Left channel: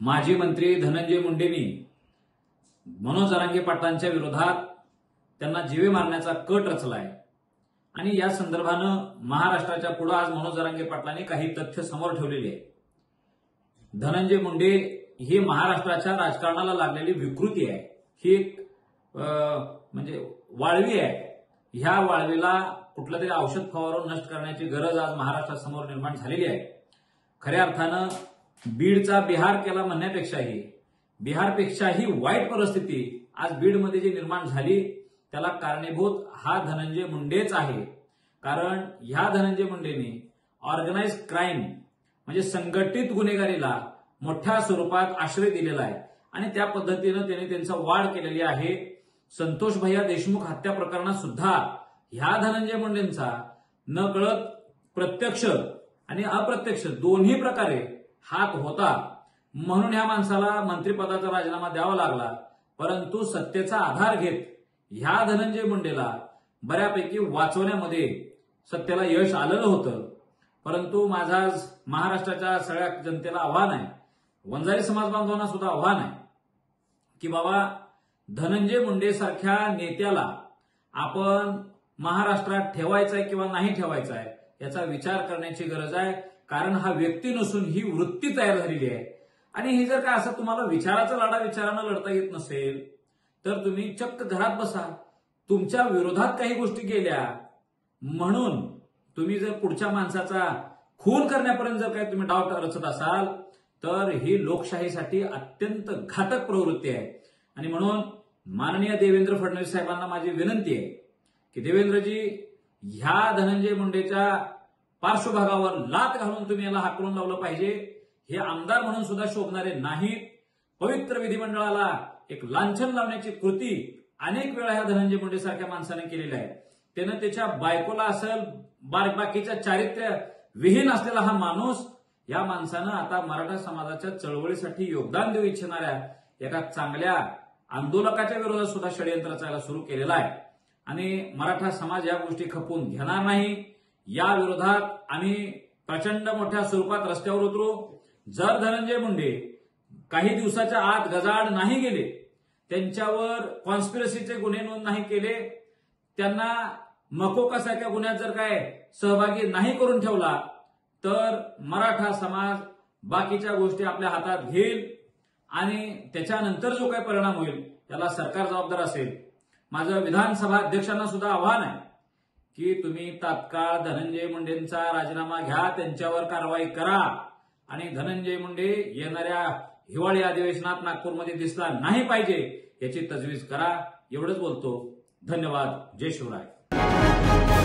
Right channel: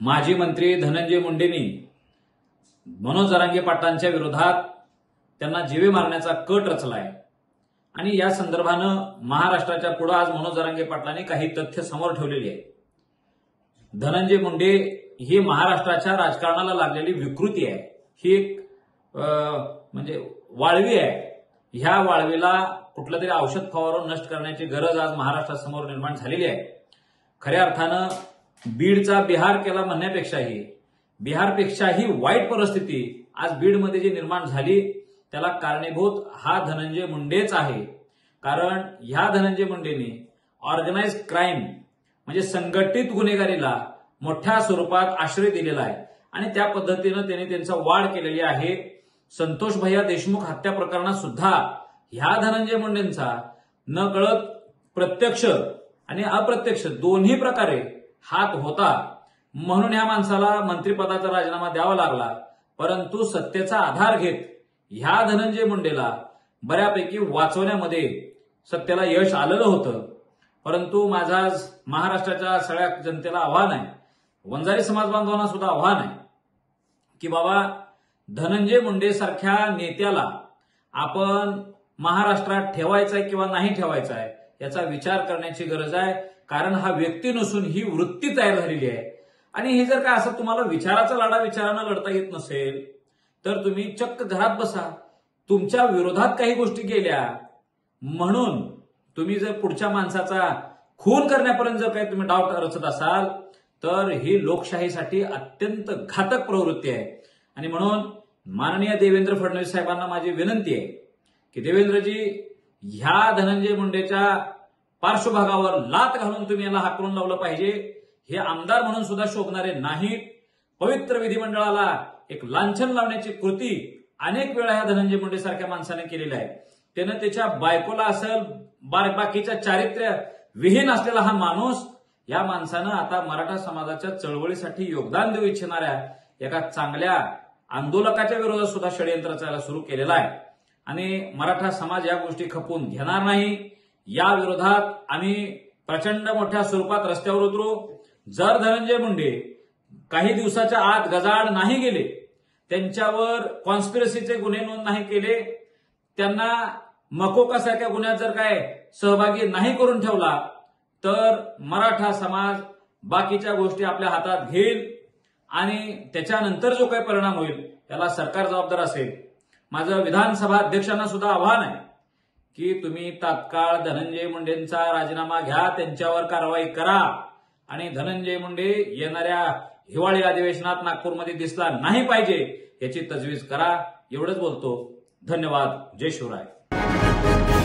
माजी मंत्री धनंजय मुंडेंनी मनोज जरांगे पाटलांच्या विरोधात त्यांना जीवे मारण्याचा कट रचलाय आणि या संदर्भानं महाराष्ट्राच्या पुढे आज मनोज जरांगे पाटलांनी काही तथ्य समोर ठेवलेली आहे। धनंजय मुंडे ही महाराष्ट्राच्या राजकारणाला लागलेली विकृती आहे। ही एक म्हणजे वाळवी आहे। ह्या वाळवीला कुठलं तरी औषध फवारून नष्ट करण्याची गरज आज महाराष्ट्रासमोर निर्माण झालेली आहे। खऱ्या अर्थानं बीडचा बिहार केला म्हणण्यापेक्षाही बिहारपेक्षाही वाईट परिस्थिती आज बीडमध्ये जी निर्माण झाली त्याला कारणीभूत हा धनंजय मुंडेच आहे। कारण ह्या धनंजय मुंडेंनी ऑर्गनाइज्ड क्राईम म्हणजे संघटित गुन्हेगारीला मोठ्या स्वरूपात आश्रय दिलेला आहे आणि त्या पद्धतीनं त्यांनी त्यांचा वाढ केलेली आहे। संतोष भैया देशमुख हत्या प्रकरणात सुद्धा ह्या धनंजय मुंडेंचा नकळत प्रत्यक्ष आणि अप्रत्यक्ष दोन्ही प्रकारे हात होता, म्हणून या माणसाला मंत्रिपदाचा राजीनामा द्यावा लागला। परंतु सत्तेचा आधार घेत ह्या धनंजय मुंडेला बऱ्यापैकी वाचवण्यामध्ये सत्तेला यश आलेलं होतं। परंतु माझा महाराष्ट्राच्या सगळ्या जनतेला आव्हान आहे, वंजारी समाज बांधवांना सुद्धा आव्हान आहे की बाबा धनंजय मुंडे सारख्या नेत्याला आपण महाराष्ट्रात ठेवायचा आहे किंवा नाही ठेवायचा आहे याचा विचार करण्याची गरज आहे। कारण हा व्यक्ती नसून ही वृत्ती तयार झालेली आहे आणि हे जर का असं तुम्हाला विचाराचा लढा विचारानं लढता येत नसेल तर तुम्ही चक्क घरात बसा। तुमच्या विरोधात काही गोष्टी केल्या म्हणून तुम्ही जर पुढच्या माणसाचा खून करण्यापर्यंत जर काही तुम्ही डाव रचत असाल तर ही लोकशाहीसाठी अत्यंत घातक प्रवृत्ती आहे। आणि म्हणून माननीय देवेंद्र फडणवीस साहेबांना माझी विनंती आहे की देवेंद्रजी ह्या धनंजय मुंडेच्या पार्श्वभागावर लात घालून तुम्ही याला हाकलून लावलं पाहिजे। हे आमदार म्हणून सुद्धा शोभणारे नाहीत। पवित्र विधिमंडळाला एक लांछन लावण्याची कृती अनेक वेळा ह्या धनंजय मुंडे सारख्या माणसाने केलेली आहे। त्यानं त्याच्या बायकोला असेल बाकीच्या चारित्र्य विहीन असलेला हा माणूस, या माणसानं आता मराठा समाजाच्या चळवळीसाठी योगदान देऊ इच्छिणाऱ्या एका चांगल्या आंदोलकाच्या विरोधात सुद्धा षडयंत्र चालायला सुरू केलेला आहे आणि मराठा समाज या गोष्टी खपवून घेणार नाही। या विरोधात आम्ही प्रचंड मोठ्या स्वरूपात रस्त्यावर उतरू। जर धनंजय मुंडे काही दिवसाच्या आत गजाआड नाही गेले, त्यांच्यावर कॉन्स्पिरसीचे गुन्हे नोंद नाही केले, त्यांना मकोकासारख्या गुन्ह्यात जर काय सहभागी नाही करून ठेवला तर मराठा समाज बाकीच्या गोष्टी आपल्या हातात घेईल आणि त्याच्यानंतर जो काही परिणाम होईल त्याला सरकार जबाबदार असेल। माझं विधानसभा अध्यक्षांना सुद्धा आव्हान आहे की तुम्ही तात्काळ धनंजय मुंडेंचा राजीनामा घ्या, त्यांच्यावर कारवाई करा आणि धनंजय मुंडे येणाऱ्या हिवाळी अधिवेशनात नागपूरमध्ये दिसला नाही पाहिजे याची तजवीज करा। एवढंच बोलतो। धन्यवाद। जय शिवराय।